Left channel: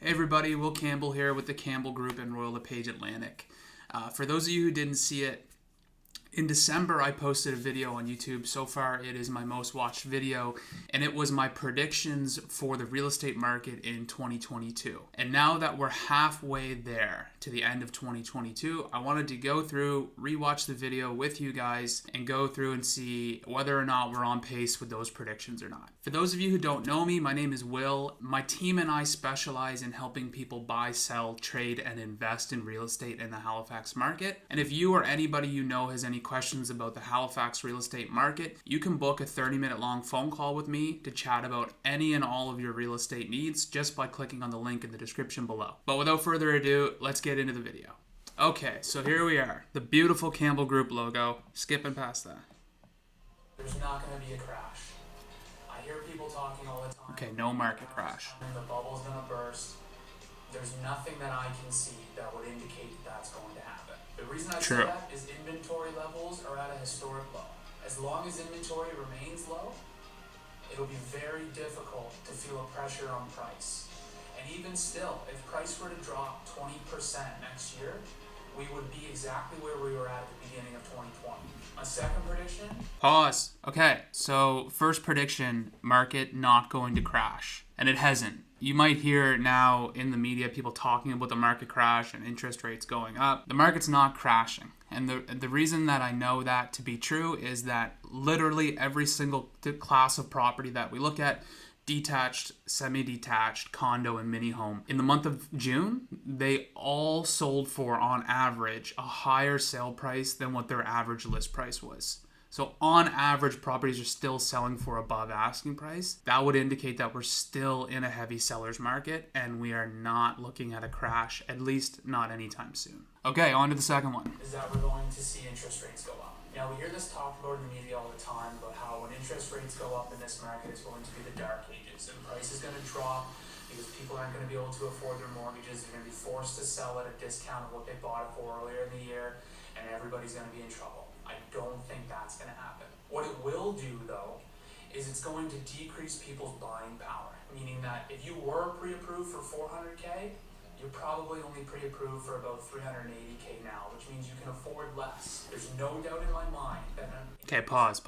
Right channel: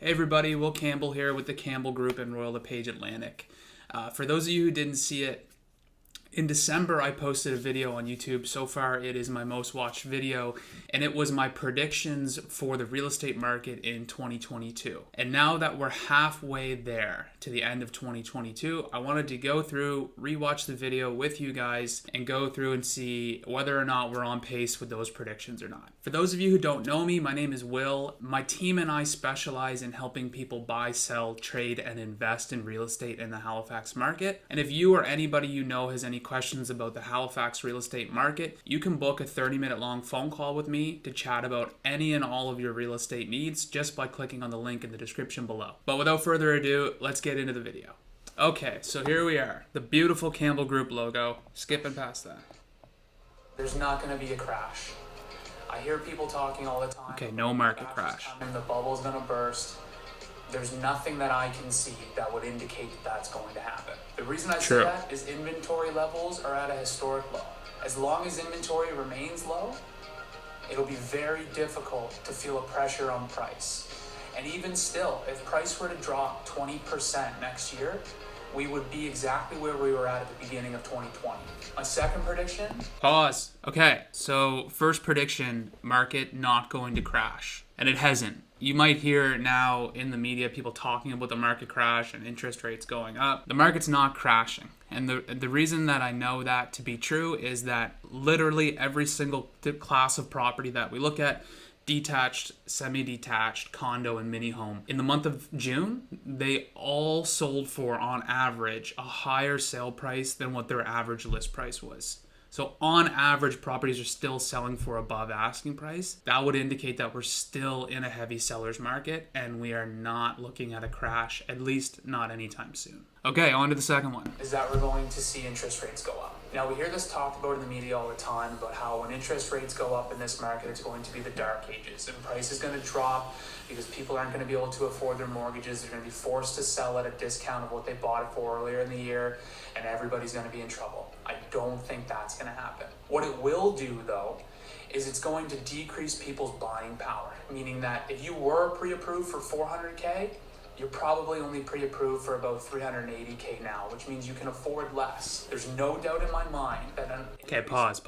Hey everybody, Will Campbell here with the Campbell Group and Royal LePage Atlantic. For those of you who didn't see it, in December I posted a video on YouTube. So far it is my most watched video, and it was my predictions for the real estate market in 2022. And now that we're halfway there to the end of 2022, I wanted to go through, rewatch the video with you guys, and go through and see whether or not we're on pace with those predictions or not. For those of you who don't know me, my name is Will. My team and I specialize in helping people buy, sell, trade, and invest in real estate in the Halifax market. And if you or anybody you know has any questions about the Halifax real estate market, you can book a 30-minute long phone call with me to chat about any and all of your real estate needs just by clicking on the link in the description below. But without further ado, let's get into the video. Okay, so here we are, the beautiful Campbell Group logo. Skipping past that. There's not going to be a crash. I hear people talking all the time. Okay, no market crash. The bubble's going to burst. There's nothing that I can see that would indicate that that's going to happen. The reason I say that is inventory levels are at a historic low. As long as inventory remains low, it'll be very difficult to feel a pressure on price. And even still, if price were to drop 20% next year, we would be exactly where we were at the beginning of 2020. My second prediction... Pause. Okay, so first prediction, market not going to crash. And it hasn't. You might hear now in the media people talking about the market crash and interest rates going up. The market's not crashing. And the reason that I know that to be true is that literally every single class of property that we look at, detached, semi-detached, condo, and mini home, in the month of June, they all sold for, on average, a higher sale price than what their average list price was. So on average, properties are still selling for above asking price. That would indicate that we're still in a heavy seller's market and we are not looking at a crash, at least not anytime soon. Okay, on to the second one. Is that we're going to see interest rates go up. Now, we hear this talked about in the media all the time about how when interest rates go up in this market, it's going to be the dark ages and price is going to drop because people aren't going to be able to afford their mortgages. They're going to be forced to sell at a discount of what they bought it for earlier in the year, and everybody's going to be in trouble. I don't think that's going to happen. What it will do, though, is it's going to decrease people's buying power, meaning that if you were pre-approved for $400K, you're probably only pre-approved for about $380K now, which means you can afford less. There's no doubt in my mind that... Okay, pause.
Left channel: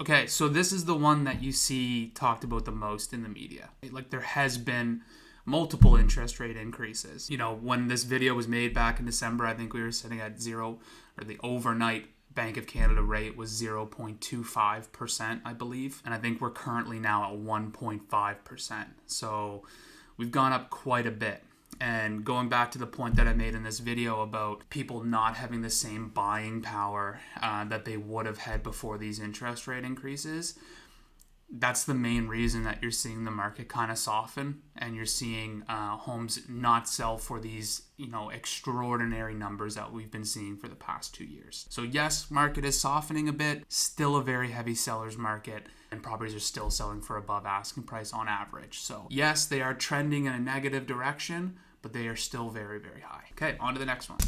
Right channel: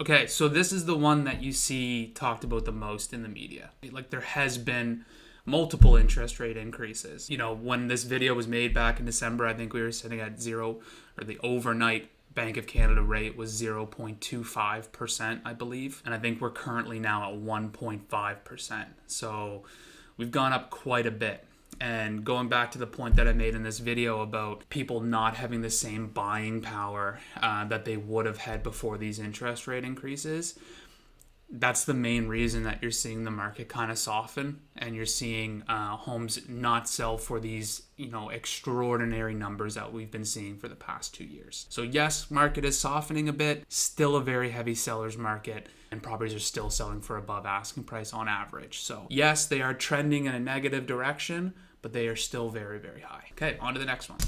Okay, so this is the one that you see talked about the most in the media. Like, there has been multiple interest rate increases. You know, when this video was made back in December, I think we were sitting at zero, or the overnight Bank of Canada rate was 0.25%, I believe. And I think we're currently now at 1.5%. So we've gone up quite a bit. And going back to the point that I made in this video about people not having the same buying power that they would have had before these interest rate increases, that's the main reason that you're seeing the market kind of soften and you're seeing homes not sell for these, extraordinary numbers that we've been seeing for the past 2 years. So yes, market is softening a bit, still a very heavy seller's market, and properties are still selling for above asking price on average. So yes, they are trending in a negative direction, but they are still very, very high. Okay, on to the next one.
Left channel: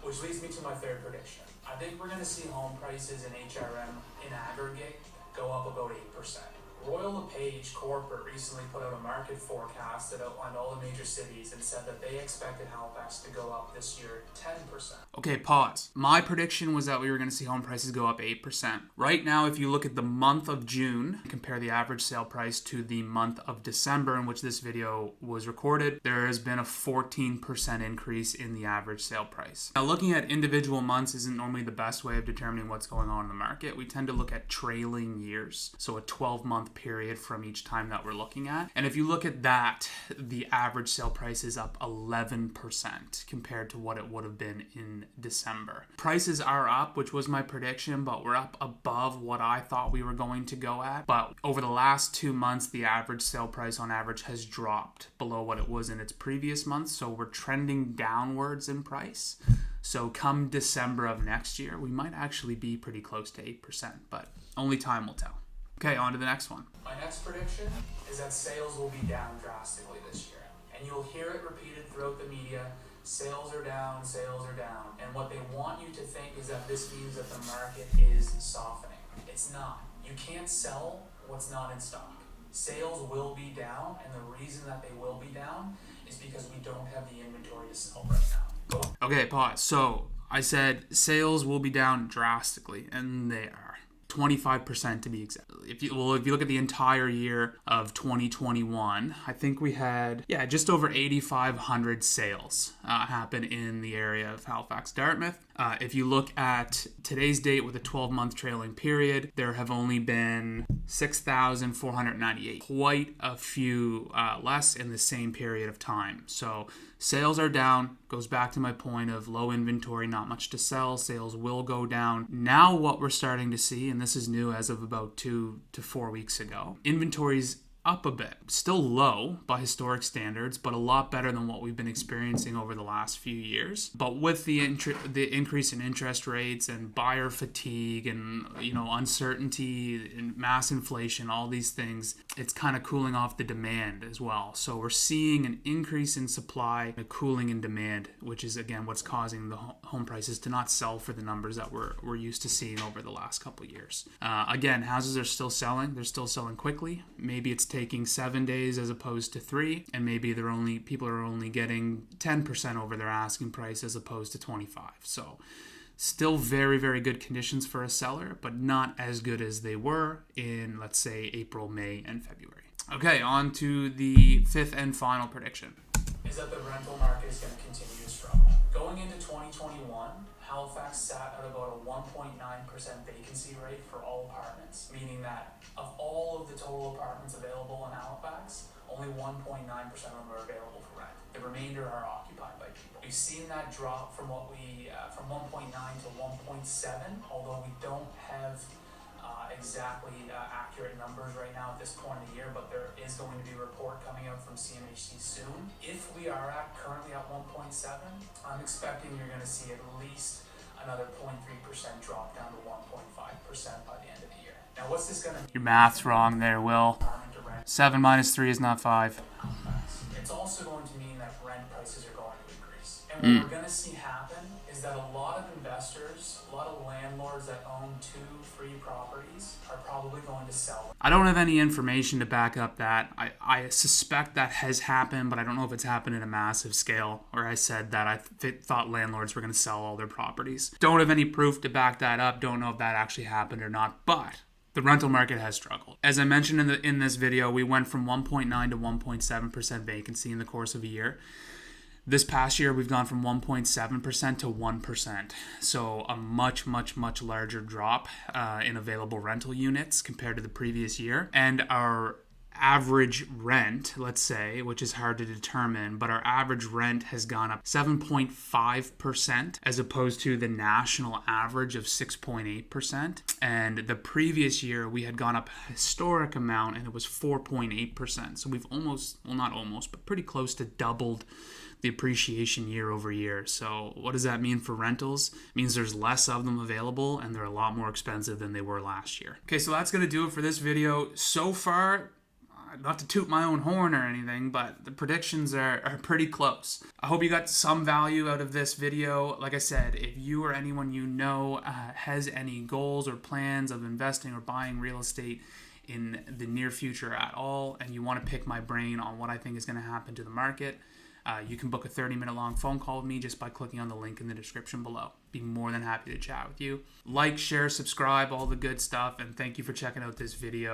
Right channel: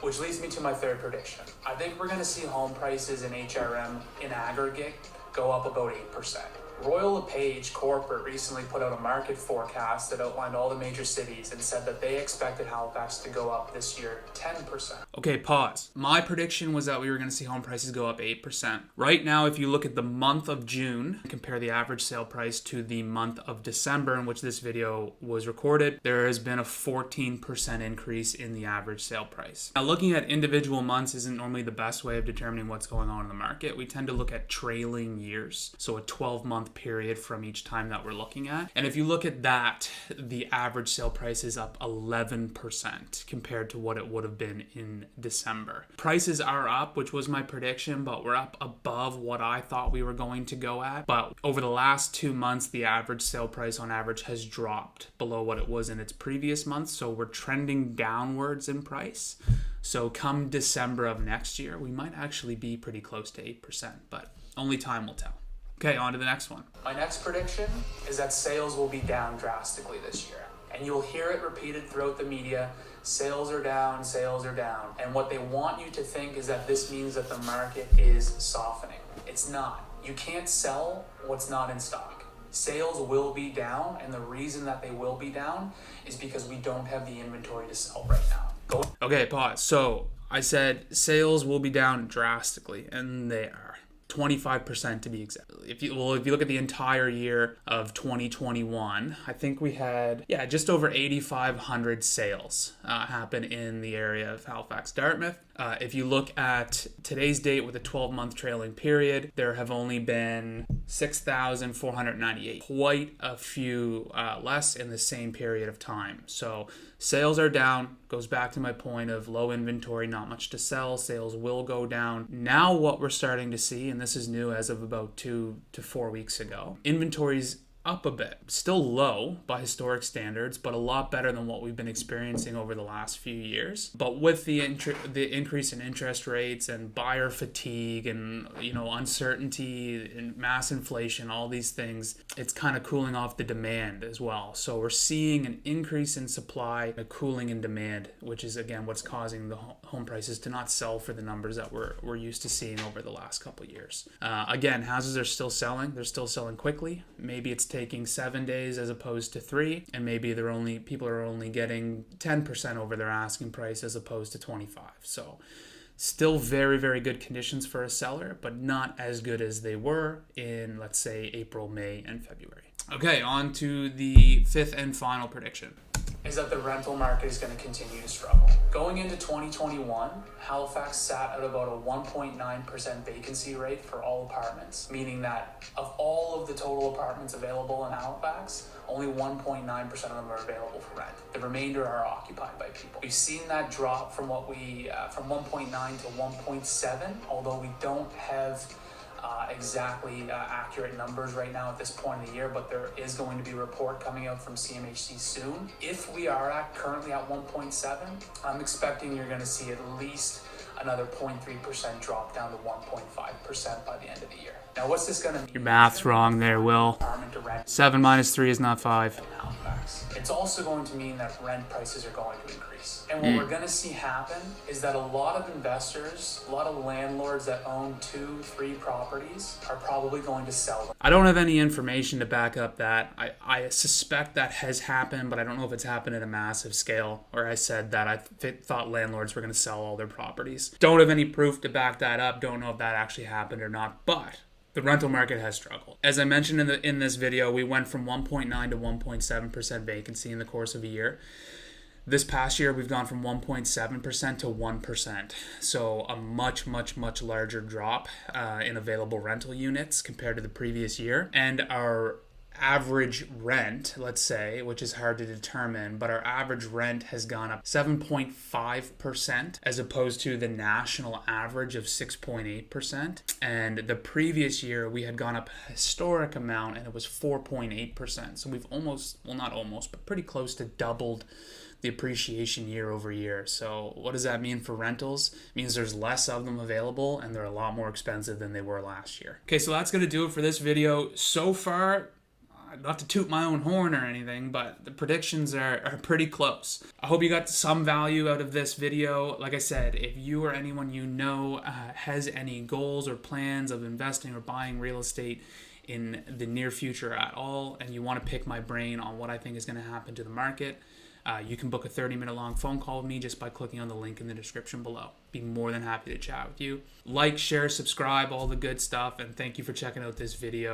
Which leads me to my third prediction. I think we're going to see home prices in HRM in aggregate go up about 8%. Royal LePage Corporate recently put out a market forecast that outlined all the major cities and said that they expected Halifax to go up this year 10%. Okay, pause. My prediction was that we were going to see home prices go up 8%. Right now, if you look at the month of June, compare the average sale price to the month of December in which this video was recorded, there has been a 14% increase in the average sale price. Now, looking at individual months isn't normally the best way of determining what's going on in the market. We tend to look at trailing years, so a 12-month period from each time that we're looking at. And if you look at that, the average sale price is up 11% compared to what it would have been in December. Prices are up, which was my prediction, but we're up above what I thought we were going to go at. But over the last 2 months, the average sale price on average has dropped below what it was in its previous months. So we're trending downwards in price. So come December of next year, we might actually be pretty close to 8%, but only time will tell. Okay, on to the next one. My next prediction is that sales will be down drastically this year. And you'll hear it repeated throughout the media. Sales are down, sales are down. And what they want you to think is that this means that the market is softening. It's not. You can't sell what's not in stock. Sales will be down, and the reason that they will be down is because we don't have the inventory to sell right now. Okay, pause. So I said sales will be down drastically, and they are. 25% to be exact. If you look at the entire year of 2021, I think we had just over 8,500 sales happen in the area of Halifax, Dartmouth. If you look at today's date with a 12-month trailing period, there have only been 6,498. Quite a few less in the same period of time. So sales are down. Goes back to my point of low inventory, not much to sell. Sales will go down. Now what we're starting to see, and this is new as of about 2 to 4 weeks ago, inventory's up a bit. Still low by historic standards, but a lot better than what we've been experiencing over the last few years. But with the increase in interest rates and buyer fatigue and uncertainty and mass inflation, all these things, it's kind of cooling off the demand as well. So we're seeing an increase in supply, a cooling in demand, which is again what's causing the home prices to not sell for the numbers that we're used to seeing over the last couple of years. Again, houses are still selling. They're still selling quickly. Maybe it's taking 7 days as opposed to 3, and maybe people are only getting 10% over their asking price as opposed to 25. So still very, very good conditions for a seller, but not as good as they were in, let's say, April, May, and February. Okay, on to the fifth and final prediction. Is that the rental market is going to continue to struggle. Going into 2021, Halifax sat at about a 1.9% vacancy rate for all apartments, meaning that of all of the total apartments available in Halifax, only 1.9% of them are available for rent. The remainder are occupied by people. We've seen that drop from from 1.9 to 1.7, although we don't have exactly accurate numbers right now at this point in the year, but there is going to be a report coming out from CMHC soon. If we are currently at 1.7, I'm expecting you're going to see at least another 0.3% drop down to 1.5% by the end of the year. Now, what's this going to mean? Your math's wrong there, Will. 7 minus 3 is not 5. It's also going to mean that rent prices are going to increase. And what we're going to see happen is that a lot of investors, a lot of landlords that own 2-3 properties are probably going to sell them. I don't have any information to back up that. I suspect that has happened, but I don't know if it's happened at a massive scale, or I said that I thought landlords were going to sell all their properties. Don't have any proof to back that up. Don't know if that actually happened or not, but the rental market has struggled. As I mentioned in this video, we went from 1.9 to 1.7% vacancy in the course of a year. This past year, we've gone from 1.7% to 1%. So a much, much, much larger drop in available rental units compared to the previous year. And our average rent, let's say, which is hard to determine, but our average rent has gone up 7.5% as opposed to the national average of 6.8%. And the previous year we had gone up a historic amount and it was 4.8%. So we've but pretty close to doubled the appreciation year over year. So what does that mean for rentals? It means there's less of them available and they're a lot more expensive than they were last year. Okay, so that's going to do it for this video. So far, not to toot my own horn or anything, but the predictions are pretty close. I hope you got some value out of this video. Like I said, if you or anyone you know has any goals or plans of investing or buying real estate in the near future at all, and you want to pick my brain on what I think is going to happen to the market, you can book a 30-minute long phone call with me just by clicking on the link in the description below. Be more than happy to chat with you. Like, share, subscribe, all the good stuff, and thank you for checking out this video.